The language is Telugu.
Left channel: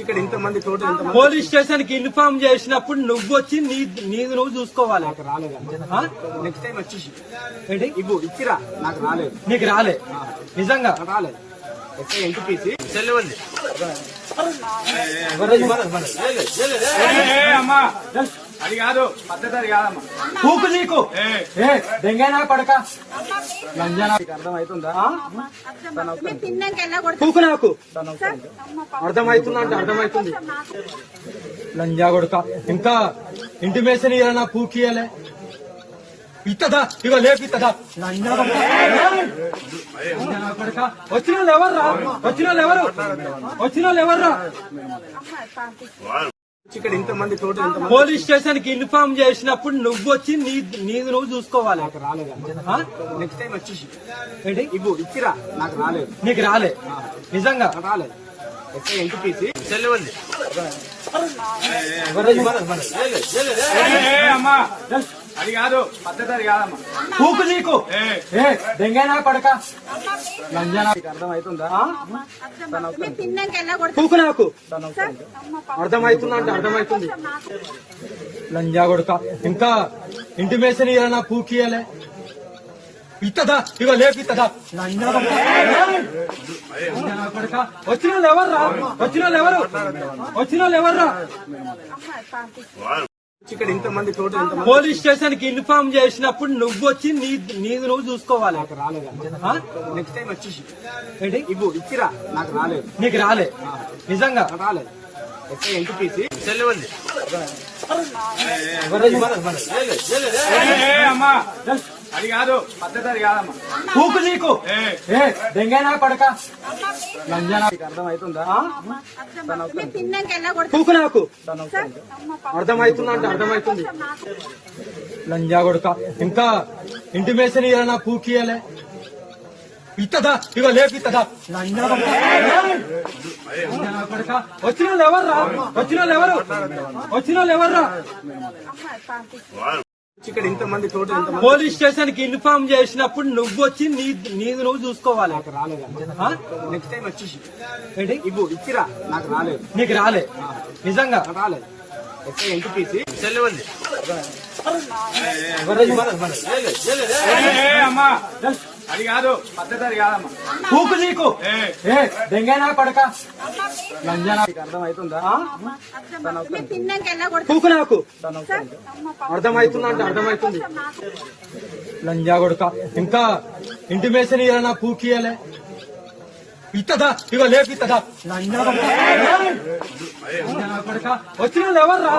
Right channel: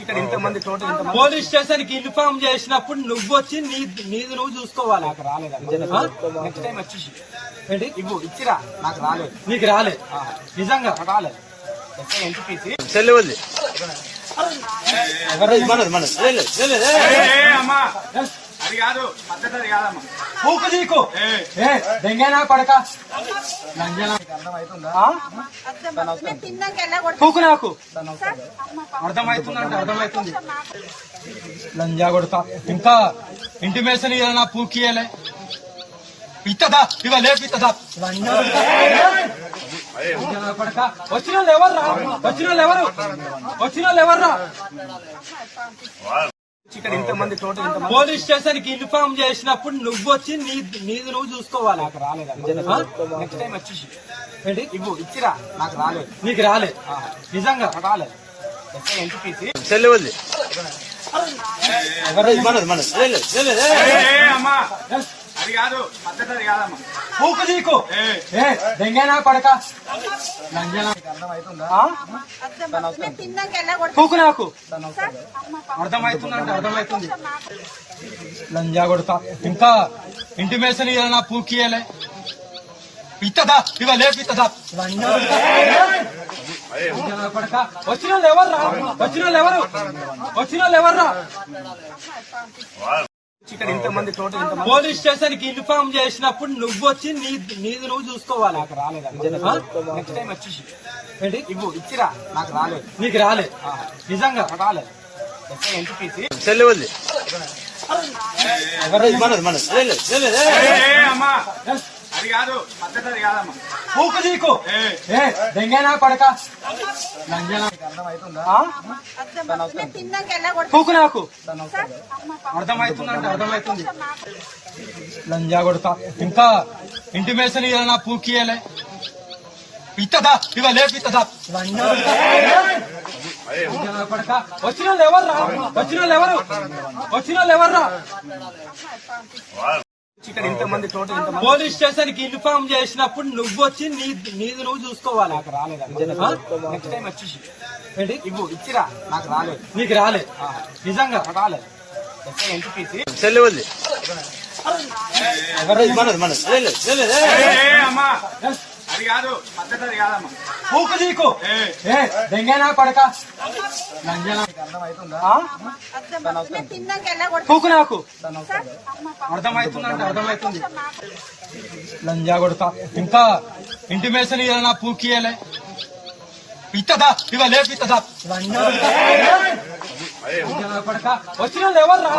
ఇక్కడ ఇంతమంది చోటు పోలీస్ స్టేషన్ కి ఇన్ఫార్మ్ చేసినప్పుడు నువ్వు వచ్చి నీది నువ్వు చూసుకోవాలి. నాకు రాలేదు. నెక్స్ట్ టైం వచ్చేసి ఏంటి ఇవ్వు ఇచ్చిరా. నాకు రాలేదు. నీకు రాలే నిజంగా రాలేదు. ఎన్టీపీసీ సెల్ ఉంది. అది కాదు పద్ధతి కాదమ్మా. పూకు నీకు దెంగనా పడక అర్థమవుతుందా? పూకు నాకు అర్థమవుతుందంటే అర్థమవుతుంది. లంజా కొడుక ఇంకా ఇంటిమేషన్ ఇవ్వాలన్నా పూకియలే ఇత్తదా ఇవ లేపిత్తదా లంజా పడక వచ్చిన వాళ్ళు ఎవర్రా వచ్చిన వాళ్ళు ఎవర్రా ఇక్కడ ఇంతమంది చోటు పోలీస్ స్టేషన్ కి ఇన్ఫార్మ్ చేసినప్పుడు నువ్వు వచ్చి నీది నువ్వు చూసుకోవాలి. నాకు రాలేదు. నెక్స్ట్ టైం వచ్చేసి ఏంటి ఇవ్వు ఇచ్చిరా. నాకు రాలేదు. నీకు రాలే నిజంగా రాలేదు. ఎన్టీపీసీ సెల్ ఉంది. అది కాదు పద్ధతి కాదమ్మా. పూకు నీకు దెంగనా పడక అర్థమవుతుందా? పూకు నాకు అర్థమవుతుందంటే అర్థమవుతుంది. లంజా కొడుక ఇంకా ఇంటిమేషన్ ఇవ్వాలన్నా పూకియలే ఇత్తదా ఇవ లేపిత్తదా లంజా పడక వచ్చిన వాళ్ళు ఎవర్రా ఇక్కడ ఇంతమంది చోటు పోలీస్ స్టేషన్ కి ఇన్ఫార్మ్ చేసినప్పుడు నువ్వు వచ్చి నీది నువ్వు చూసుకోవాలి. నాకు రాలేదు. నెక్స్ట్ టైం వచ్చేసి ఏంటి ఇవ్వు ఇచ్చిరా. నాకు రాలేదు. నీకు రాలే నిజంగా రాలేదు. ఎన్టీపీసీ సెల్ ఉంది. అది కాదు పద్ధతి కాదమ్మా. పూకు నీకు దెంగనా పడక అర్థమవుతుందా? పూకు నాకు అర్థమవుతుందంటే అర్థమవుతుంది. లంజా కొడుక ఇంకా ఇంటిమేషన్ ఇవ్వాలన్నా పూకియలే ఇత్తదా ఇవ లేపిత్తదా లంజా పడక వచ్చిన వాళ్ళు ఎవర్రా ఇక్కడ ఇంతమంది చోటు పోలీస్ స్టేషన్ కి ఇన్ఫార్మ్ చేసినప్పుడు నువ్వు వచ్చి నీది నువ్వు చూసుకోవాలి. నాకు రాలేదు. నెక్స్ట్ టైం వచ్చేసి ఏంటి ఇవ్వు ఇచ్చిరా. నాకు రాలేదు. నీకు రాలే నిజంగా రాలేదు. ఎన్టీపీసీ సెల్ ఉంది. అది కాదు పద్ధతి కాదమ్మా. పూకు నీకు దెంగనా పడక అర్థమవుతుందా? పూకు నాకు అర్థమవుతుందంటే అర్థమవుతుంది. లంజా కొడుక ఇంకా ఇంటిమేషన్ ఇవ్వాలన్నా పూకియలే ఇత్తదా ఇవ లేపిత్తదా లంజా పడక వచ్చిన వాళ్ళు ఎవర్రా